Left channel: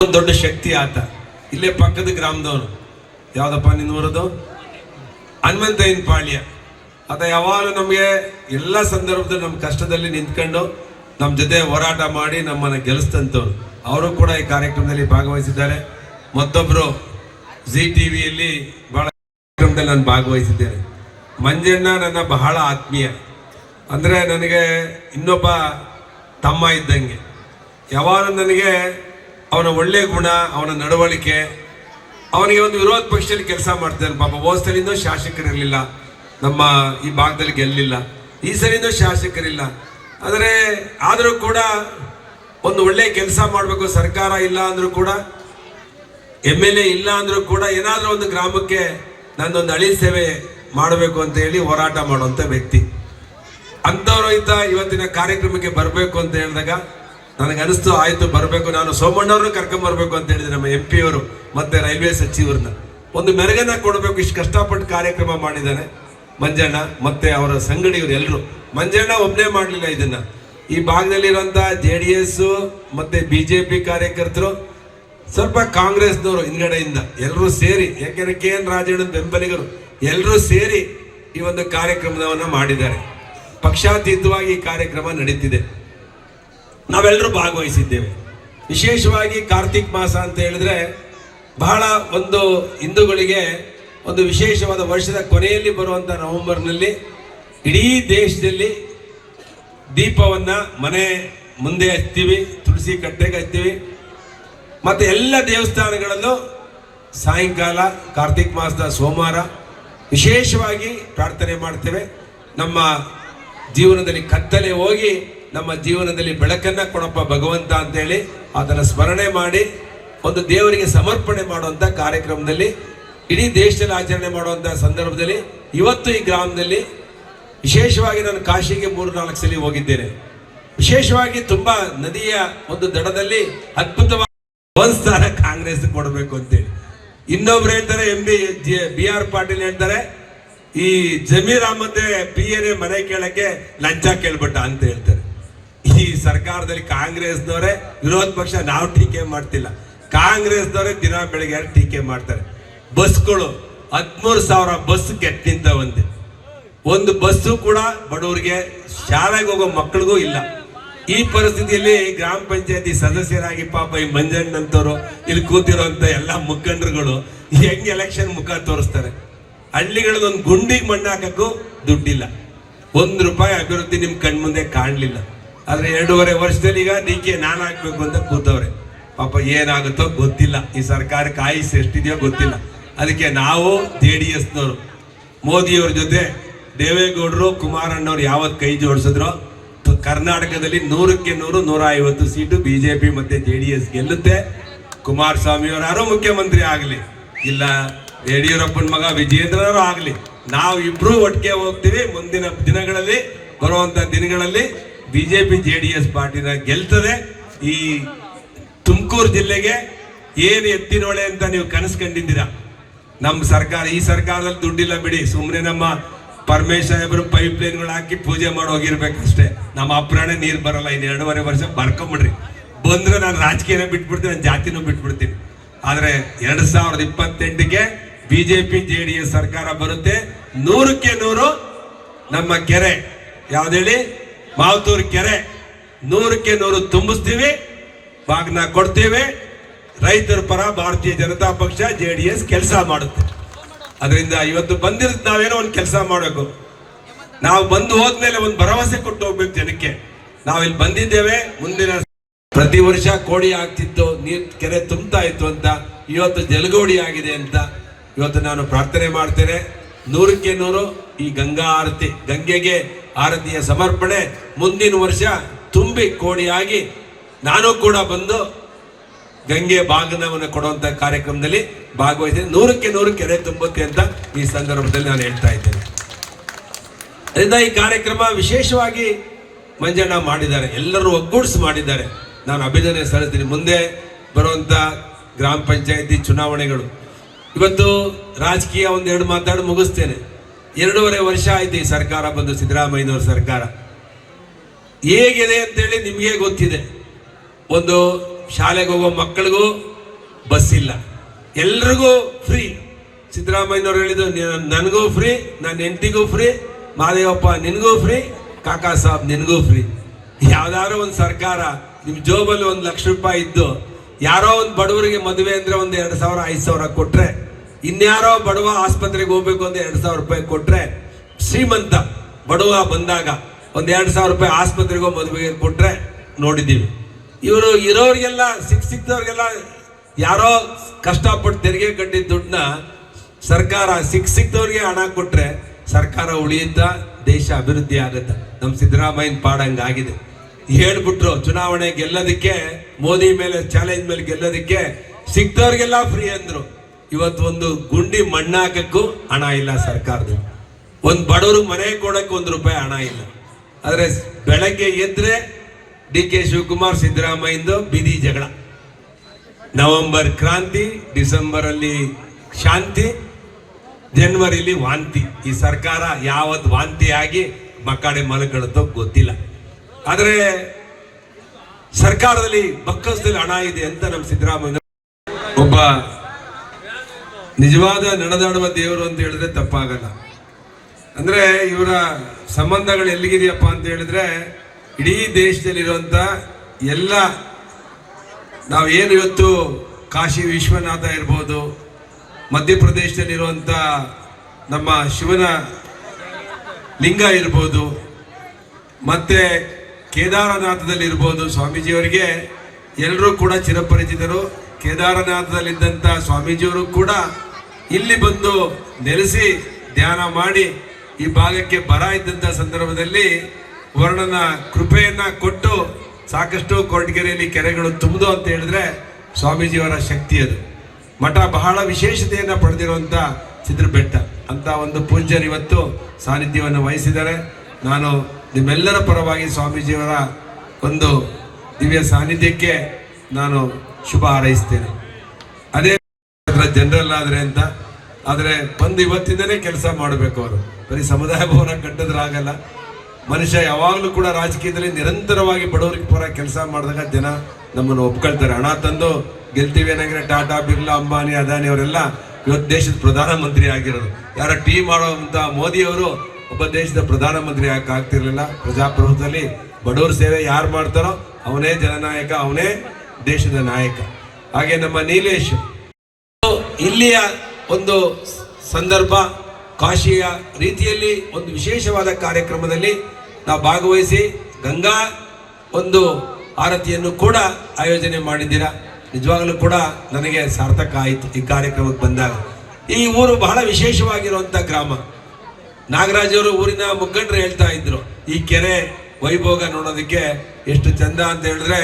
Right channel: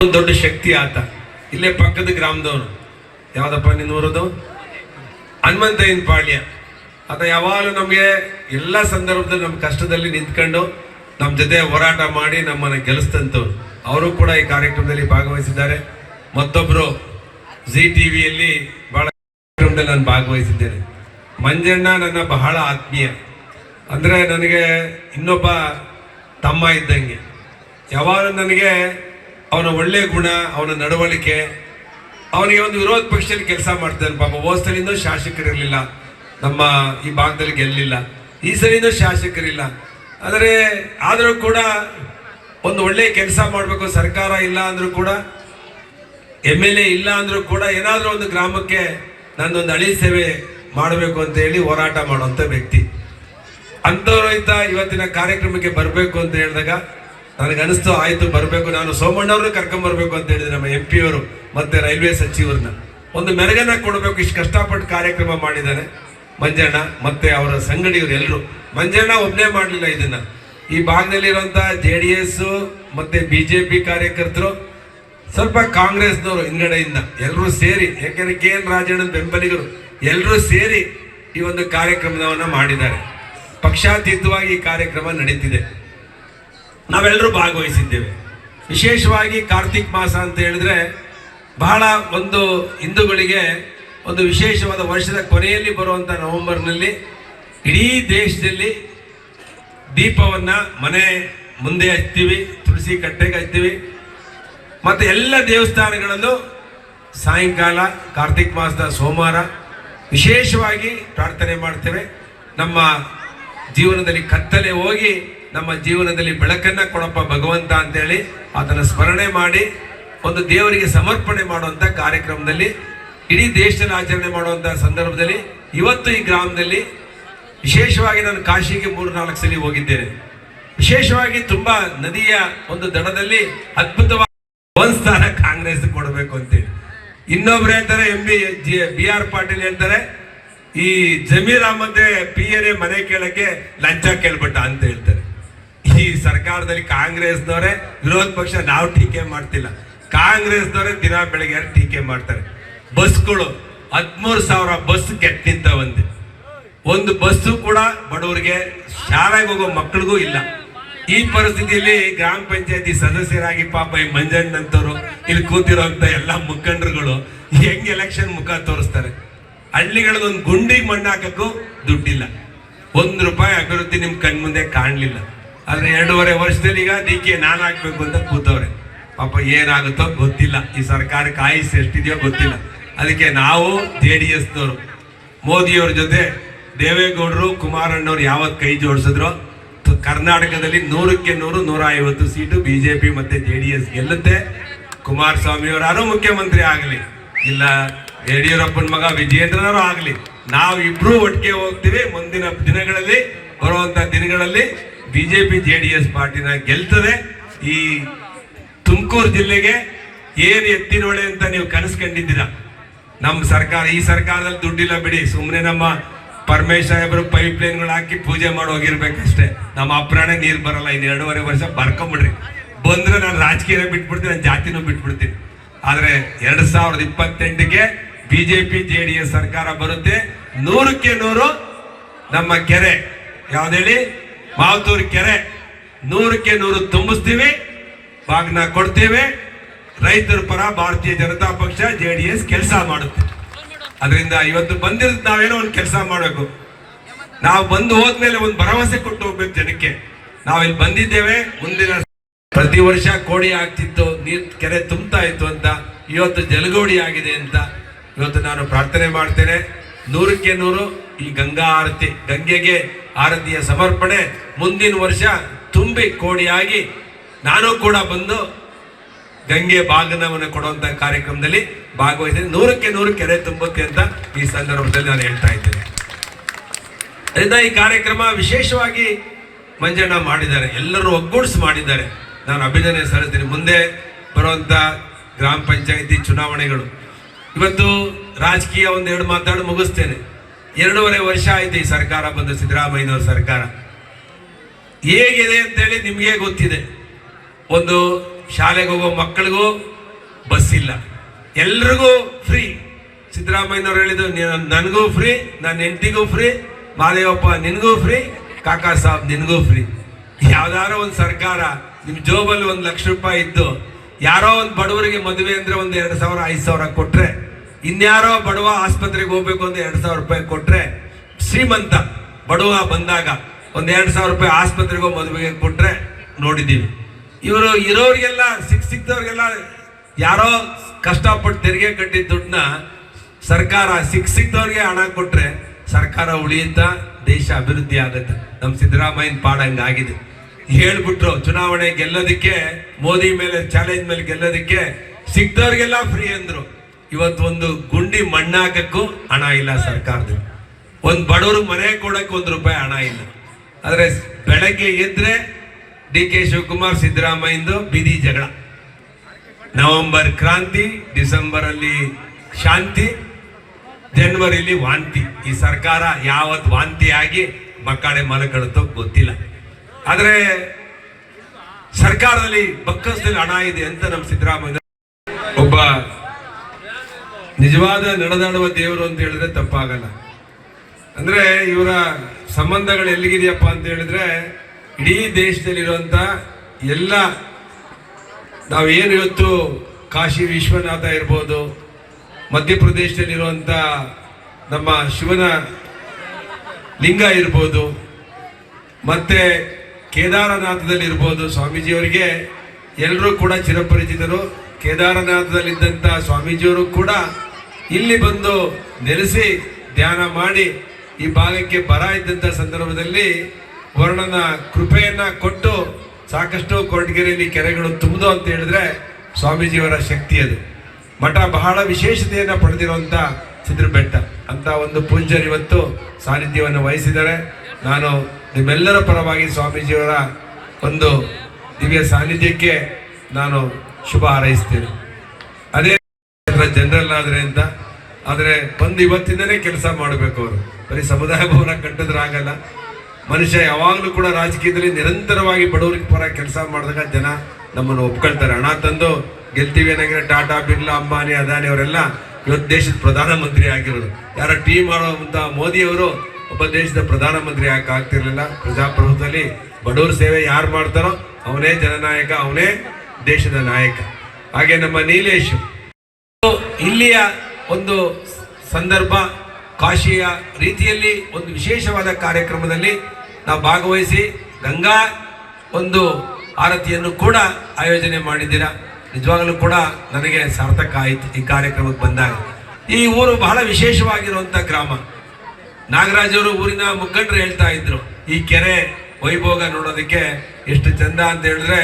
ದೊಡ್ಡ ಶಕ್ತಿ ಆತ. ಇಲ್ಲೇ ಪಕ್ಕದ ಗ್ರಾಮದವನು, ಯಾವ್ದಪ್ಪ ನಿನ್ನೂರದು, ಹನುಮಂತಯ್ಯನ ಪಾಳ್ಯ. ಆತ ಯಾವಾಗಲೂ ನಮಗೆ ಎಲ್ಲ ಸಂದರ್ಭದಲ್ಲಿ ನಮ್ಮ ಕಷ್ಟದಲ್ಲಿ ನಿಂತ್ಕೊಂಡು ನಮ್ಮ ಜೊತೆ ಹೋರಾಟ ಮಾಡಿ ನಮ್ಮನ್ನು ಗೆಲ್ಲಿಸ್ತಂಥವ್ರು. ಅವರು ಕೂಡ ಈ ಕಾರ್ಯಕ್ರಮದಲ್ಲಿ ಭಾಗವಹಿಸಿದ್ದಾರೆ. ಮತ್ತೊಬ್ರು ಜಿ ಟಿವಿಯಲ್ಲಿ ಬಹಳ ಕಾರ್ಯಕ್ರಮದಲ್ಲಿ ನಾನು ಭಾಗವಹಿಸಿದ್ದೇನೆ. ಮಂಜಣ್ಣ ನನ್ನ ಬಹಳ ಆತ್ಮೀಯ, ಅಂದರೆ ನನಗೆ ಇನ್ನೊಬ್ಬ ತಮ್ಮ ಇದ್ದಂಗೆ. ಯಾವಾಗಲೂ ನನಗೆ ಅವನ ಒಳ್ಳೆಯ ಗುಣ, ಅವನ ನಡವಳಿಕೆ, ಅವನಿಗೆ ಒಂದು ವಿರೋಧ ಪಕ್ಷದಲ್ಲಿ ಕೆಲಸ ಮಾಡ್ತಾನೆ. ಪಾಪ ಹೋದ ಸಲಿಂದ ಶಾಸಕರಿರಲಿಲ್ಲ, ನಮ್ಮ ಈ ಭಾಗದಲ್ಲಿ ಗೆಲ್ಲಿಲ್ಲ. ಈ ಸಲಿಂದ ಶಾಸಕರಿಲ್ಲ. ಆದರೆ ಆದರೂ ಕೂಡ ಒಂದು ಒಳ್ಳೆಯ ಕೆಲಸ ಮಾಡಬೇಕು. ಸರ್ಕಾರ ಇಲ್ಲ ಅಂದರೂ ಕೂಡ, MLA ಇಲ್ಲ ಅಂದರೂ ಕೂಡ ಏನಾದರೂ ಒಂದು ಗ್ರಾಮಕ್ಕೆ ನಂದೊಂದು ಹಳಿ ಸೇವೆ ಮಾಡಬೇಕು ಅಂತ ಹೇಳಿ ಹೋರಾಟ ಮಾಡುವಂಥ ವ್ಯಕ್ತಿ. ಅಂಥವ್ರು ಇವತ್ತಿನ ಕಾರ್ಯಕ್ರಮಕ್ಕೆ ಬರಬೇಕು ಅಂತ ಹೇಳಿದಾಗ ನನಗನ್ನಿಸ್ತು, ಆಯ್ತು ಬರಬೇಕು. ನಾನು ಸೋಮಣ್ಣವ್ರನ್ನ ಕರ್ಕೊಂಬರ್ಬೇಕು ಅಂತ ಹೇಳಿದೆ, ನಮ್ಮ MP ಅವರು ಮತ್ತೆ ರೈಲ್ವೆ ಸಚಿವರನ್ನ. ಒಂದು ಮೆರಗನ್ನ ಕೊಡಬೇಕು. ಇಷ್ಟು ಕಷ್ಟಪಟ್ಟು ಕಾರ್ಯಕ್ರಮ ಮಾಡಿದ್ದಾನೆ ಮಂಜಣ್ಣ ಮತ್ತೆ ಅವರ ಸಂಗಡಿಗರು ಎಲ್ಲರೂ. ಮಂಜಣ್ಣ ಒಬ್ಬನೇ ಮಾಡಲಿಲ್ಲ ಇದನ್ನ. ಈ ಭಾಗದಲ್ಲಿರುವಂತ JDS ಮತ್ತೆ BJP ಕಾರ್ಯಕರ್ತರು, ಸ್ವಲ್ಪ ಕಾಂಗ್ರೆಸ್ನವರು ಹಿಂದ್ಗಡೆಯಿಂದ ಎಲ್ಲರೂ ಸೇರಿ, ಯಾಕೆಂದ್ರೆ KN ರಾಜಣ್ಣನ ಬೆಂಬಲಿಗರು ಎಲ್ಲರೂ ಸೇರಿ ಈ ಒಂದು ಕಾರ್ಯಕ್ರಮವನ್ನ ಮಾಡಿದ್ದಾರೆ. ಪಕ್ಷಾತೀತವಾಗಿ ಈ ಕಾರ್ಯಕ್ರಮ ನಡೀತಿದೆ. ನಾವೆಲ್ಲರೂ ಭಾಗವಹಿಸಿದ್ದೇವೆ. ವಿಶೇಷವಾಗಿ ಕಾರ್ತಿಕ್ ಮಾಸ ಅಂತ ಹೇಳಿದ್ರೆ ಬಹಳ ಒಂದು ಹಿಂದೂಗಳಿಗೆ ಒಂದು ವಿಶೇಷವಾದ ವರ್ಷದ ಕೊನೆಯಲ್ಲಿ ಬರುವಂಥ ನವೆಂಬರ್ನಲ್ಲಿ ಇಡೀ ದೇಶದಲ್ಲಿ ದೀಪವನ್ನ ಮನೆ ಮುಂದೆ ಹಚ್ತೀವಿ, ತುಳಸಿ ಕಟ್ಟೆಗೆ ಹಚ್ತೀವಿ. ಮತ್ತೆ ಎಲ್ಲ ದೇವಸ್ಥಾನಗಳಲ್ಲೂ ಸಾಯಂಕಾಲ ಕಾರ್ತಿಕ್ ಮಾಸದ ಸೋಮವಾರ ವಿಶೇಷವಾಗಿ ಪ್ರಾರ್ಥನೆ ಮಾಡ್ತೇವೆ. ನಮ್ಮ ಜೀವನದಲ್ಲಿ ಕತ್ತಲೆ ಹೋಗಿ ನಮ್ಮ ಜೀವನದಲ್ಲಿ ಬೆಳಕನ್ನ ಕೊಡಪ್ಪ ಭಗವಂತ ಅಂತೇಳಿ ಆತನ ಸ್ಮರಣೆ ಮಾಡಿ ಒಂದು ದೇವರಿಗೆ ಸಮರ್ಪಣೆ ಮಾಡುವಂತ ಕಾರ್ಯಕ್ರಮದಲ್ಲಿ ಇಡೀ ದೇಶದಲ್ಲಿ ಆಚರಣೆ ಮಾಡುವಂತ ಸಂದರ್ಭದಲ್ಲಿ ಇವತ್ತು ಈ ಗ್ರಾಮದಲ್ಲಿ ವಿಶೇಷವಾಗಿ ನಾನು ಕಾಶಿಗೆ 3-4 ಸಲ ಹೋಗಿದ್ದೇನೆ. ವಿಶೇಷವಾಗಿ ತುಂಬಾ ನದಿಯ ಒಂದು ದಡದಲ್ಲಿ ಅದ್ಭುತವಾಗಿ ಒಂದು ಸ್ಥಾನ ಕಾಂಗ್ರೆಸ್ ಕೊಡಬೇಕು ಅಂತೇಳಿ. ಇನ್ನೊಬ್ರು ಹೇಳ್ತಾರೆ, BR ಪಾಟೀಲ್ ಹೇಳ್ತಾರೆ, ಈ ಜಮೀರ್ ಅಹಮದ್ PA ಮನೆ ಕೇಳಕ್ಕೆ ಲಂಚ ಕೇಳ್ಬಿಟ್ಟ ಅಂತ ಹೇಳ್ತಾರೆ. ಈ ಸರ್ಕಾರದಲ್ಲಿ ಕಾಂಗ್ರೆಸ್ನವರೇ ವಿರೋಧ ಪಕ್ಷ, ನಾವು ಟೀಕೆ ಮಾಡ್ತಿಲ್ಲ, ಕಾಂಗ್ರೆಸ್ನವರೇ ದಿನ ಬೆಳಗ್ಗೆ ಟೀಕೆ ಮಾಡ್ತಾರೆ. ಬಸ್ಗಳು 13,000 ಬಸ್ ಕೆಟ್ಟ ನಿಂತ ಒಂದು ಬಸ್ಸು ಕೂಡ ಬಡವರಿಗೆ, ಶಾಲೆಗೆ ಹೋಗೋ ಮಕ್ಕಳಿಗೂ ಇಲ್ಲ. ಈ ಪರಿಸ್ಥಿತಿಯಲ್ಲಿ ಗ್ರಾಮ ಪಂಚಾಯತಿ ಸದಸ್ಯರಾಗಿ ಪಾಪ ಈ ಮಂಜಣ್ಣಂತವ್ರು ಇಲ್ಲಿ ಕೂತಿರೋಂತ ಎಲ್ಲ ಮುಖಂಡರುಗಳು ಹೆಂಗ್ ಎಲೆಕ್ಷನ್ ಮುಖ ತೋರಿಸ್ತಾರೆ. ಹಳ್ಳಿಗಳದೊಂದು ಗುಂಡಿಗೆ ಮಣ್ಣು ಹಾಕಕ್ಕೂ ದುಡ್ಡಿಲ್ಲ. ₹1 ಅಭಿವೃದ್ಧಿ ನಿಮ್ ಕಣ್ಮುಂದೆ ಕಾಣ್ಲಿಲ್ಲ. ಆದ್ರೆ 2.5 ವರ್ಷದಲ್ಲಿ ಈಗ DK ನಾನು ಹಾಕ್ಬೇಕು ಅಂತ ಕೂತವ್ರೆ. ಪಾಪ ಏನಾಗುತ್ತೋ ಗೊತ್ತಿಲ್ಲ. ಈ ಸರ್ಕಾರಕ್ಕೆ ಆಯುಸ್ ಎಷ್ಟಿದೆಯೋ ಗೊತ್ತಿಲ್ಲ. ಅದಕ್ಕೆ ನಾವು JDSನವರು ಮೋದಿಯವ್ರ ಜೊತೆ ದೇವೇಗೌಡರು, ಕುಮಾರಣ್ಣವ್ರು ಯಾವತ್ ಕೈ ಜೋಡಿಸಿದ್ರು, ಕರ್ನಾಟಕದಲ್ಲಿ 100ಕ್ಕೆ 100 150 ಸೀಟು BJP ಮತ್ತೆ JDS ಗೆಲ್ಲುತ್ತೆ. ಕುಮಾರಸ್ವಾಮಿ ಅವರಾರು ಮುಖ್ಯಮಂತ್ರಿ ಆಗಲಿ, ಇಲ್ಲ ಯಡಿಯೂರಪ್ಪನ ಮಗ ವಿಜೇಂದ್ರನವರು ಆಗಲಿ, ನಾವಿಬ್ರು ಒಟ್ಟಿಗೆ ಹೋಗ್ತೀವಿ. ಮುಂದಿನ ದಿನಗಳಲ್ಲಿ, ಬರುವಂತ ದಿನಗಳಲ್ಲಿ BJP JDS ಪಾರ್ಟಿನ ಗೆಲ್ತದೆ. ಈ ತುಮಕೂರು ಜಿಲ್ಲೆಗೆ ಏನು ಎತ್ತಿನೊಳೆ ಅಂತ ನೀವು ಕನಸ್ಕೊಂಡಿದ್ದೀರಾ. ನಮ್ಮ ಸರ್ಕಾರ, ಈ ಸರ್ಕಾರದಲ್ಲಿ ದುಡ್ಡಿಲ್ಲ ಬಿಡಿ, ಸುಮ್ಮನೆ ನಮ್ಮ ಪರಮೇಶ್ ಸಾಹೇಬರು ಪೈಪ್ ಲೈನ್ಗಳು ಹಾಕಿ ಪೂಜೆ ಮಾಡಿ ಹೋಗಿರ್ಬೇಕಷ್ಟೇ. ನಮ್ಮ ಅಪ್ರಾಣೆ ನೀರು ಬರಲ್ಲ. ಇನ್ನು 2.5 ವರ್ಷ ಬರ್ಕೊಂಬಿಡ್ರಿ. ಬಂದ್ರೆ ನಾನು ರಾಜಕೀಯ ಬಿಟ್ಬಿಡ್ತೀನಿ, ನನ್ನ ಜಾತಿನೂ ಬಿಟ್ಬಿಡ್ತೀನಿ. ಆದ್ರೆ 2028ಗೆ BJP JDS ಸರ್ಕಾರ ಬರುತ್ತೆ. 100ಕ್ಕೆ 100 ನಮ್ಮ ಕೆರೆ ಯಾವ್ದೇಳಿ, ಮಾವತೂರು ಕೆರೆ 100ಕ್ಕೆ 100 ತುಂಬಿಸ್ತೀವಿ, ಬಾಗ್ನ ಕೊಡ್ತೀವಿ. ರೈತರ ಪರ ಭಾರತೀಯ ಜನತಾ ಪಕ್ಷ JDS ಕೆಲಸ ಮಾಡುತ್ತೆ. ಅದರಿಂದ ಇವತ್ತು ಬಂದಿರೋದು ನಾವೇನೋ ಒಂದು ಕೆಲಸ ಮಾಡಬೇಕು. ನಾವು ಬಂದು ಹೋದ್ಮೇಲೆ ಒಂದು ಭರವಸೆ ಕೊಟ್ಟು ಹೋಗ್ಬೇಕು ಜನಕ್ಕೆ. ನಾವಿಲ್ಲಿ ಬಂದಿದ್ದೇವೆ, ಮುಂದಿನ ಪ್ರತಿ ವರ್ಷ ಕೋಡಿ ಆಗ್ತಿತ್ತು, ನೀರು ಕೆರೆ ತುಂಬ್ತಾ ಇತ್ತು ಅಂತ, ಇವತ್ತು ಜಲಗೋಡಿ ಆಗಿದೆ ಅಂತ ಇವತ್ತು ನಾನು ಪ್ರಾರ್ಥನೆ ಮಾಡ್ತೇನೆ. 100ಕ್ಕೆ 100 ಈ ಗಂಗಾ ಆರತಿ, ಗಂಗೆಗೆ ಆರತಿಯ ಸಮರ್ಪಣೆ ಮುಂದಿನ ವರ್ಷ ತುಂಬಿ ಕೋಡಿಯಾಗಿ ನಾನು ಕೂಡ ಬಂದು ಗಂಗೆ ಬಾಗನವನ್ನು ಕೊಡುವಂತ ಕಾರ್ಯಕ್ರಮದಲ್ಲಿ ಭಾಗವಹಿಸಿದೆ. 100ಕ್ಕೆ 100 ಕೆರೆ ತುಂಬುತ್ತೆ ಅಂತ ಈ ಸಂದರ್ಭದಲ್ಲಿ ನಾನು ಹೇಳ್ತಾ ಇದ್ದೇನೆ. ಅದರಿಂದ ಈ ಕಾರ್ಯಕ್ರಮ ವಿಶೇಷವಾಗಿ ಮಂಜಣ್ಣ ಮಾಡಿದ್ದಾರೆ, ಎಲ್ಲರೂ ಒಗ್ಗೂಡಿಸಿ ಮಾಡಿದ್ದಾರೆ. ನಾನು ಅಭಿನಂದನೆ ಸಲ್ಲಿಸ್ತೀನಿ. ಮುಂದೆ ಬರುವಂತ ಗ್ರಾಮ ಪಂಚಾಯತಿ ಚುನಾವಣೆಗಳು, ಇವತ್ತು ರಾಜಕೀಯ 1-2 ಮಾತಾಡಿ ಮುಗಿಸ್ತೇನೆ. 2.5 ವರ್ಷ ಆಯ್ತು ಈ ಸರ್ಕಾರ ಬಂದು, ಸಿದ್ದರಾಮಯ್ಯನವ್ರ ಸರ್ಕಾರ. ಹೇಗಿದೆ ಅಂತೇಳಿ ನಿಮಗೆ ಗೊತ್ತಿದೆ. ಒಂದು ಶಾಲೆಗೆ ಹೋಗೋ ಮಕ್ಕಳಿಗೂ ಬಸ್ ಇಲ್ಲ, ಎಲ್ರಿಗೂ ಫ್ರೀ. ಸಿದ್ದರಾಮಯ್ಯನವ್ರು ಹೇಳಿದ್ರು ನನಗೂ ಫ್ರೀ, ನನ್ನ ಹೆಂಡತಿಗೂ ಫ್ರೀ, ಮಾದೇವಪ್ಪ ನಿನಗೂ ಫ್ರೀ, ಕಾಕಾ ಸಾಬ್ ನಿನಗೂ ಫ್ರೀ. ಯಾವ್ದಾರೋ ಒಂದು ಸರ್ಕಾರ ನಿಮ್ ಜೋಬಲ್ಲಿ 1 ಲಕ್ಷ ರೂಪಾಯಿ ಇದ್ದು ಯಾರೋ ಒಂದು ಬಡವರಿಗೆ ಮದುವೆ ಅಂದ್ರೆ ಒಂದು 2,000 5,000 ಕೊಟ್ರೆ, ಇನ್ಯಾರೋ ಬಡವ ಆಸ್ಪತ್ರೆಗೆ ಹೋಗ್ಬೇಕು ಅಂದ್ರೆ 2,000 ರೂಪಾಯಿ ಕೊಟ್ರೆ, ಶ್ರೀಮಂತ ಬಡವ ಬಂದಾಗ ಒಂದ್ 2,000 ರೂಪಾಯಿ ಆಸ್ಪತ್ರೆಗೂ ಮದುವೆಗೆ ಕೊಟ್ರೆ ನೋಡಿದ್ದೀವಿ. ಇವರು ಇರೋರಿಗೆಲ್ಲ ಸಿಕ್ತವ್ರಿಗೆಲ್ಲ ಯಾರೋ ಕಷ್ಟಪಟ್ಟು ತೆರಿಗೆ ಕಟ್ಟಿದ ದುಡ್ಡನ್ನ ಸರ್ಕಾರ ಸಿಕ್ತವ್ರಿಗೆ ಹಣ ಕೊಟ್ರೆ ಸರ್ಕಾರ ಉಳಿಯುತ್ತ, ದೇಶ ಅಭಿವೃದ್ಧಿ ಆಗುತ್ತೆ. ನಮ್ ಸಿದ್ದರಾಮಯ್ಯನ ಪಾಡಂಗ ಆಗಿದೆ. ಹೇಳ್ಬಿಟ್ರು ಚುನಾವಣೆ ಗೆಲ್ಲೋದಕ್ಕೆ, ಮೋದಿ ಮೇಲೆ ಚಾಲೆಂಜ್ ಮೇಲೆ ಗೆಲ್ಲೋದಕ್ಕೆ ಸಿಕ್ತವ್ರಿಗೆಲ್ಲ ಫ್ರೀ ಅಂದ್ರು. ಇವತ್ತು ಒಂದು ಗುಂಡಿ ಮಣ್ಣಾಕಕ್ಕೂ ಹಣ ಇಲ್ಲ ಸರ್ಕಾರದಲ್ಲಿ. ಒಂದ್ ಬಡವರು ಮನೆ ಕೊಡಕ್ಕೆ ₹1 ಹಣ ಇಲ್ಲ. ಆದ್ರೆ ಬೆಳಗ್ಗೆ ಎದ್ರೆ DK ಶಿವಕುಮಾರ್ ಸಿದ್ದರಾಮಯ್ಯಂದು ಬೀದಿ ಜಗಳ. ನವೆಂಬರ್ ಕ್ರಾಂತಿ, ಡಿಸೆಂಬರ್ ಅಲ್ಲಿ ಶಾಂತಿ, ಜನವರಿಲಿ ವಾಂತಿ. ಈ ಸರ್ಕಾರ ಯಾವತ್ ವಾಂತಿ ಆಗಿ ಮಕ್ಕಳೆ ಮಲಕಡುತ್ತೋ ಗೊತ್ತಿಲ್ಲ. ಆದ್ರೆ ಸರ್ಕಾರದಲ್ಲಿ ಬಕ್ಕಸದಲ್ಲಿ ಹಣ ಇದೆ ಅಂತ ನಮ್ಮ ಸಿದ್ದರಾಮಯ್ಯ ಒಬ್ಬ ನಿಜವಾದ ನಡೆದಾಡುವ ದೇವರು ಅಂತ ಹೇಳಿದ್ರೆ ತಪ್ಪಾಗಲ್ಲ. ಅಂದ್ರೆ ಇವರ ಸಂಬಂಧಗಳು ಎಲ್ಲಿಗಿದೆಯಪ್ಪ ಅಂತ ಹೇಳಿದ್ರೆ ಇಡೀ ದೇಶದಲ್ಲಿರುವಂತ ಎಲ್ಲ, ನಾವೇನು ಇವತ್ತು ಕಾಶಿ ವಿಶ್ವನಾಥ ಇರ್ಬೋದು, ಮಧ್ಯಪ್ರದೇಶದಲ್ಲಿರುವಂತ ನಮ್ಮ ಶಿವನ ಲಿಂಗ ಇರ್ಬೋದು, ಮತ್ತೆ ಕೇದಾರನಾಥದಲ್ಲಿರ್ಬೋದು, ಸ್ವಾಮೀಜಿಯವರಿಗೆ ಎಲ್ಲರೂ ಕೂಡ ಚಿರಪರಿಚಿತರು. ಕೇದಾರನಾಥದಲ್ಲಿದ್ದಂಥ ಸ್ವಾಮೀಜಿಯವರು ಕೂಡ ಇಲ್ಲಿ ಬಂದು ನೆಲೆಸಿ ಧ್ಯಾನ ಮಾಡಿ ಈ ಭಾಗಕ್ಕೆ ಬರ ಇದ್ದಂಥ ಸಂದರ್ಭದಲ್ಲಿ ವರ್ಣನ ಕೃಪೆಯನ್ನ ಕೊಟ್ಟು ಸಾಕಷ್ಟು ಕೊರಟಗೆರೆಯಲ್ಲಿ ಕೆರೆಗಳು ತುಂಬುದು ಅಂತ ಹೇಳಿದ್ರೆ ಸ್ವಾಮೀಜಿಯವರ ಶಕ್ತಿ ಅದು. ಮಠ ಬಹಳ ವಿಶೇಷತೆಯನ್ನ ಪಡೆದಿರುವಂತ ಸಿದ್ರ ಬೆಟ್ಟ ಅಂತ ಒಂದು ಪೂಜ್ಯರು ಇವತ್ತು ಸಾನ್ನಿಧ್ಯವನ್ನು ವಹಿಸಿದ್ದಾರೆ. ನಾನು ನಿಮ್ಮೆಲ್ಲರ ಪರವಾಗಿ ಸ್ವಾಮೀಜಿಯವರ ಒಂದು ದಿವ್ಯ ಸಾನ್ನಿಧ್ಯಕ್ಕೆ ನಾನು ಶುಭ ಹಾರೈಸ್ತೇನೆ. ಅದೇ ಜನರಲ್ ಆದ್ರೆ ಅಂತ ಆದ್ರೆ ಬಂದು ಇವತ್ತಿಂದನೇ ಕೆಲಸ ಮಾಡಬೇಕು. ಅವರು ಬರೀ ಸಮುದಾಯ ಭವನ ಕಟ್ಟಿದ್ರಾಗಲ್ಲ. ಮನುಷ್ಯ ಯಾವಾಗಲೂ ಕೂಡ ರಾಜಕೀಯದಲ್ಲಿ ನಿರಂತರವಾಗಿ ಬಡವರಿಗೆ ಪರ ಕೆಲಸ ಮಾಡಿದಾಗ ಜನ ನಮ್ಮನ್ನು ಒಪ್ಕೊಳ್ತಾರೆ. ಹಣ ತಂದು ಗೆಲ್ತೀವಿ ಏನಾಗಿರೋ ಟಾಟಾ, ಬಿರ್ಲಾ, ಅಂಬಾನಿ, ಅದಾನಿ ಅವರೆಲ್ಲ ಇವತ್ತು ದೇಶದ ಪ್ರಧಾನಮಂತ್ರಿ ಆಗಿರೋದು. ಯಾರ ಟೀ ಮಾಡುವಂತ ಮೋದಿ ಅವರು ಒಬ್ಬ ದೇಶದ ಪ್ರಧಾನಮಂತ್ರಿ ಯಾಕೆ ಆಗ್ತಿರ್ಲಿಲ್ಲ? ಪ್ರಜಾಪ್ರಭುತ್ವದಲ್ಲಿ ಬಡವರ ಸೇವೆ ಯಾರು ಮಾಡ್ತಾರೋ ಅವನೇ ಜನನಾಯಕ, ಅವನೇ ದೇಶದ ನಾಯಕ. ಹಾಗೆ ನಮ್ಮ ನೀಲೇಶ್ ಇಲ್ಲಿಯ ಒಂದು ಸಂದರ್ಭ, ಕಾಶಿಯ ರೀತಿಯಲ್ಲಿ ಒಂದು ವಿಶೇಷವಾದ ಕಾರ್ಯಕ್ರಮದಲ್ಲಿ ನಾವು ಭಾಗವಹಿಸಿ ಗಂಗಾ ಒಂದು ಆರತಿಯನ್ನು ಕೂಡ ಆಯೋಜನೆ ಮಾಡಿದ್ದೀರಾ. ನಿಜವಾಗಲೂ ಕೂಡ ನನಗೆ ಸಾರ್ಥಕ ಆಯಿತು ಈ ಕಾರ್ಯಕ್ರಮಕ್ಕೆ ಬಂದಾಗ. ಈ ಊರು ಬಹಳ ವಿಶೇಷವಾಗಿರುವಂತ ಗ್ರಾಮ. ನಾಗರಾಜ್ ಅವರು ಊರಿನ ಮುಖಂಡರು ಹೇಳ್ತಾ ಇದ್ರು, ಈ ಕೆರೆ ವೈಭೋಗ ನೋಡೋದಕ್ಕೆ ಎಷ್ಟು ಚಂದ ಅಂತ ಹೇಳಿದ್ರೆ